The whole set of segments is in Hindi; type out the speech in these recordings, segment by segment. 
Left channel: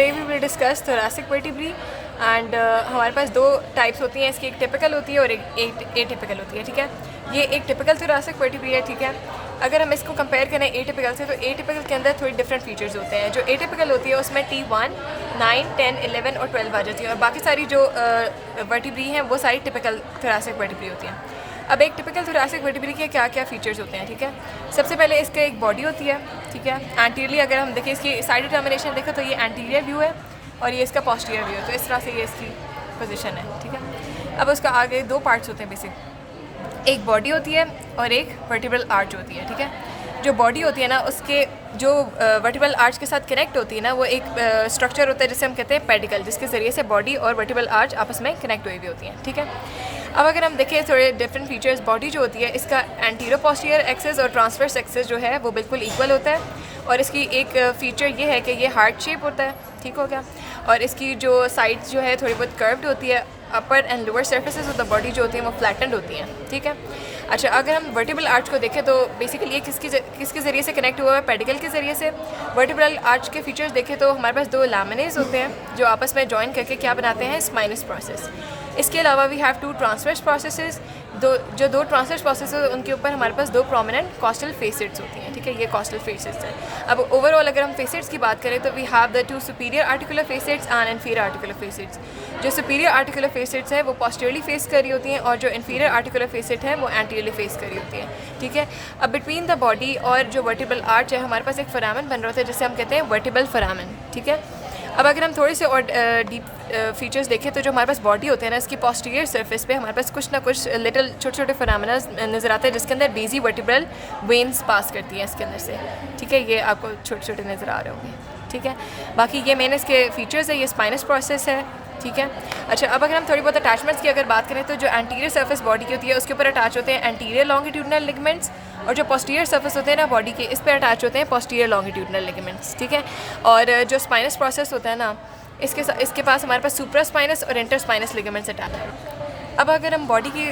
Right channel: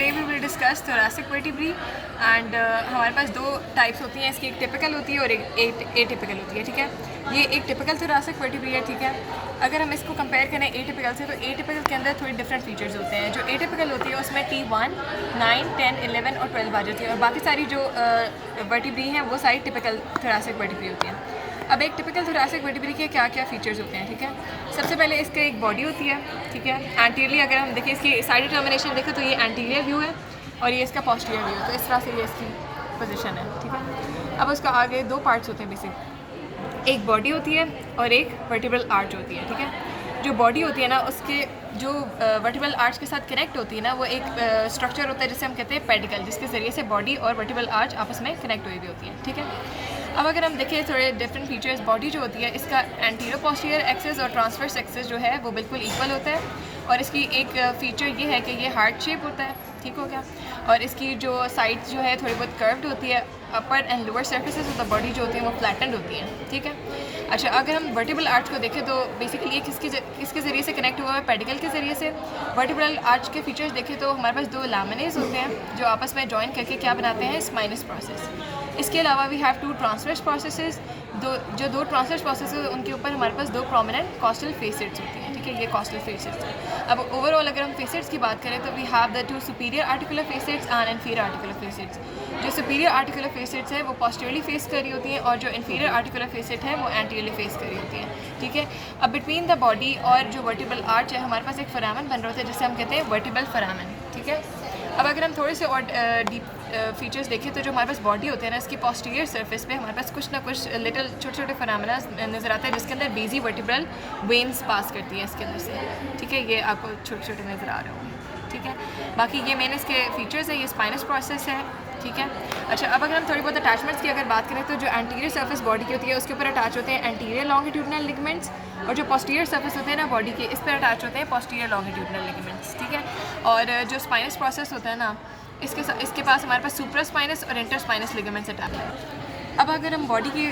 Today we will discuss thoracic vertebrae and हमारे पास दो टाइप्स होती हैं इसकी, एक टिपिकल होती है और एक एटिपिकल होती है, ठीक है। ये एक टिपिकल थोरेसिक वर्टिब्री है, ठीक है। अगर हम इसको कंपेयर करें एटिपिकल से, तो एटिपिकल के अंदर थोड़ी डिफरेंट फीचर्स होते हैं। जो एटिपिकल होती है उसमें T1, 9, 10, 11 और 12 आ जाती है, और बाकी सारी जो वर्टिब्री हैं वो सारी टिपिकल थोरेसिक वर्टिब्री होती हैं। अब एक टिपिकल थोरेसिक वर्टिब्री के क्या क्या फीचर्स होते हैं, ठीक है। सबसे पहले इसका एक बॉडी होती है, ठीक है। एंटीरियरली अगर हम देखें, इसकी साइड डिटर्मिनेशन देखें तो ये एंटीरियर व्यू है और ये इसका पोस्टीरियर व्यू है, तो इस तरह से ये इसकी पोजीशन है, ठीक है। अब उसका आगे दो पार्ट्स होते हैं बेसिक, एक बॉडी होती है और एक वर्टिब्रल आर्च होती है, ठीक है। जो बॉडी होती है ना, उसके जो वर्टिब्रल आर्च के साथ कनेक्ट होती है ना, वो एक स्ट्रक्चर होता है जिसे हम कहते हैं पेडिकल, जिसके ज़रिए से बॉडी और वर्टिब्रल आर्च आपस में कनेक्ट हुई हुई होती है, ठीक है। अब अगर हम देखें थोड़े डिफरेंट फीचर्स, बॉडी जो होती है इसका एंटीरियर पोस्टीरियर एक्सेस और ट्रांसवर्स एक्सेस जो है वो बिल्कुल इक्वल होता है, और इसकी एक फ़ीचर ये है कि ये हार्ट शेप होता है, ठीक हो गया। और इसकी जो साइड जो है थोड़ी बहुत कर्व्ड होती है, upper and lower surfaces of the body जो होती है वो फ्लैटेंड होती हैं, ठीक है। अच्छा, अगर हम वर्टिब्रल आर्च को देखें तो बेसिकली ये किसके ज़रिए से कनेक्ट हुआ है, पेडिकल के ज़रिए से। वर्टिब्रल आर्च के फीचर्स देखें तो हमारे पास दो लैमिनेज होते हैं जो आपस में जॉइन करके क्या बनाते हैं, स्पाइनस प्रोसेस। इसके अलावा we have two transverse processes, दो ट्रांसवर्स प्रोसेसेस उनके ऊपर हमारे पास दो प्रोमिनेंट कॉस्टल फेसेट्स होती हैं, ठीक है। ये कॉस्टल फेसेट्स हैं। अब ओवरऑल अगर हम फेसेट्स की बात करें तो we have the two superior articular facets and inferior articular facets. जो सुपीरियर आर्टिकुलर फेसेट्स है वो पोस्टीरियरली फेस कर रही होती हैं, और जो इन्फीरियर आर्टिकुलर फेसेट है वो एंटीरियरली फेस कर रही होती है, ठीक है। अब बिटवीन द बॉडी और जो वर्टिब्रल आर्च है हमारे पास एक फोरामेन बन रहा होता है जिसे हम कहते हैं वर्टिब्रल फोरामेन, ठीक है। अब अगर हम थोड़े से और डीप फीचर्स देखें तो जो हमारे पास बॉडी होते हैं ना, इसकी पोस्टीरियर सरफेस पे हमारे पास कुछ ना कुछ लिटिल छोटे छोटे फोरामेना नज़र आते हैं जिसके अंदर बेजी वर्टिब्रल वेन्स पास करती हैं इसके अंदर से, ठीक है। ये आपको छोटे छोटे नज़र आ रहे होंगे, ठीक है। बाकी ये मेन इसके फीचर्स है, ये स्पाइनस प्रोसेस है, ठीक है। अच्छा, अब अगर हम थोड़ी बहुत अटैचमेंट्स की अगर बात करें तो जो एंटीरियर सरफेस बॉडी की होती है उसके ऊपर अटैच होते हैं एंटीरियर लॉन्गिट्यूडनल लिगामेंट्स, और जो पोस्टीरियर सरफेस होते हैं ना बॉडी के, इस पर अटैच होते हैं पोस्टीरियर लॉन्गिट्यूडनल लिगामेंट्स, ठीक है। और जो स्पाइनस प्रोसेस होता है ना, इसके पास हमारे पास सुप्रा स्पाइनस और इंटर स्पाइनस लिगामेंट्स अटैच है। अब अगर हम बॉडी की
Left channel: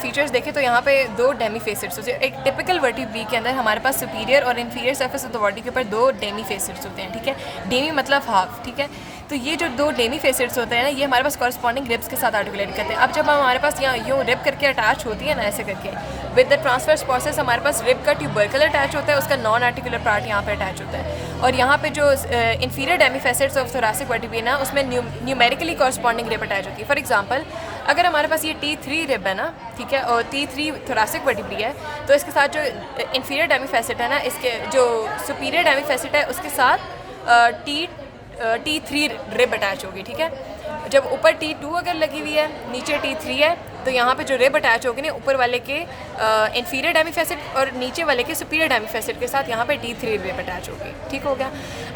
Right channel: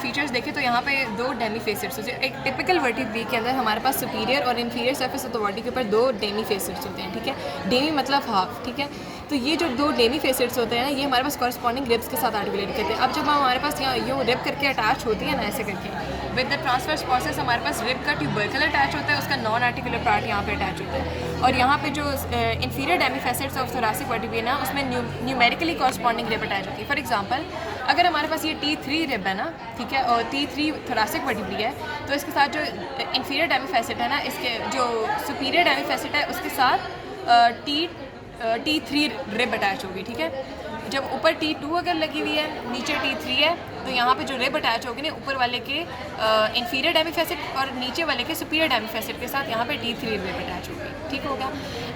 फीचर्स देखें तो यहाँ पे दो डेमी फेसेट्स होते हैं। एक टिपिकल वर्टिब्री के अंदर हमारे पास सुपीरियर और inferior surface of the body के ऊपर दो डेमी फेसेट्स होते हैं, ठीक है। डेमी मतलब हाफ, ठीक है। तो ये जो दो डेमी फेसेट्स होते हैं ना, ये हमारे पास कॉरस्पॉन्डिंग रिब्स के साथ आर्टिकुलेट करते हैं। अब जब हमारे पास यहाँ यूँ रिब करके अटैच होती है ना, ऐसे करके विद द ट्रांसवर्स प्रोसेस हमारे पास रिब का ट्यूबरकल अटैच होता है, उसका नॉन आर्टिकुलर पार्ट यहाँ पे अटैच होता है। और यहाँ पे जो inferior Demi facets of thoracic vertebrae ना, उसमें न्यूमेरिकली कॉरस्पॉन्डिंग रिब अटैच होती है। फॉर एग्जाम्पल अगर हमारे पास ये T3 रिब है ना, ठीक है, और T3 थोरेसिक वर्टिब्री है, तो इसके साथ जो इन्फीरियर डेमी फेसेट है ना, इसके जो सुपीरियर डेमी फेसेट है उसके साथ T3 रिब अटैच होगी, ठीक है। जब ऊपर T2 अगर लगी हुई है, नीचे T3 है, तो यहाँ पे जो रिब अटैच होगी ना, ऊपर वाले के इन्फीरियर डेमी फेसेट और नीचे वाले के सुपीरियर डेमी फेसेट के साथ यहाँ पे T3 रिब अटैच होगी, ठीक हो गया।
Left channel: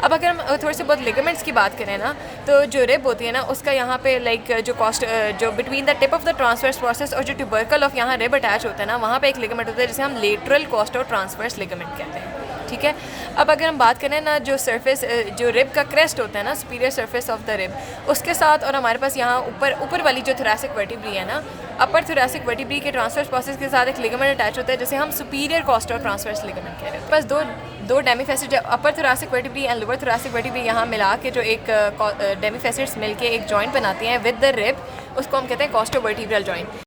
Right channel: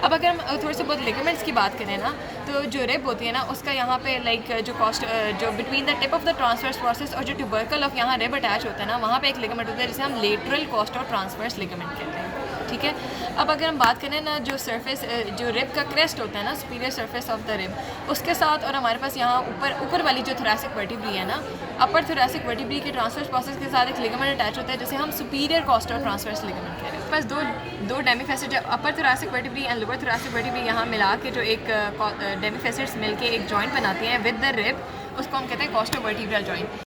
अब अगर हम थोड़े से बहुत लिगामेंट्स की बात करें ना, तो जो रिब होती है ना, उसका यहाँ पे लाइक जो between the tip of the transverse process और जो ट्यूबरकल ऑफ यहाँ रिब अटैच होता है ना, वहाँ पे एक लिगामेंट होता है जिसे हम लेटरल कॉस्टो ट्रांसवर्स लिगामेंट कहते हैं, ठीक है। अब अगर हम बात करें ना, जो सरफेस जो रिब का क्रेस्ट होता है ना, superior surface of the rib, उसके साथ और हमारे पास यहाँ ऊपर वाली जो थोरेसिक वर्टिब्री है ना, अपर थोरेसिक वर्टिब्री के ट्रांसवर्स प्रोसेस के साथ एक लिगामेंट अटैच होता है जिसे हम सुपीरियर कॉस्टो ट्रांसवर्स लिगामेंट कह रहे हैं। बस दो डेमी फेसेट, जो upper thoracic vertebrae and lower thoracic vertebrae यहाँ मिला के जो एक डेमी फेसेट्स मिलके एक जॉइंट बनाती हैं विद द रिब, उसको हम कहते हैं कॉस्टो वर्टिब्रल जॉइंट।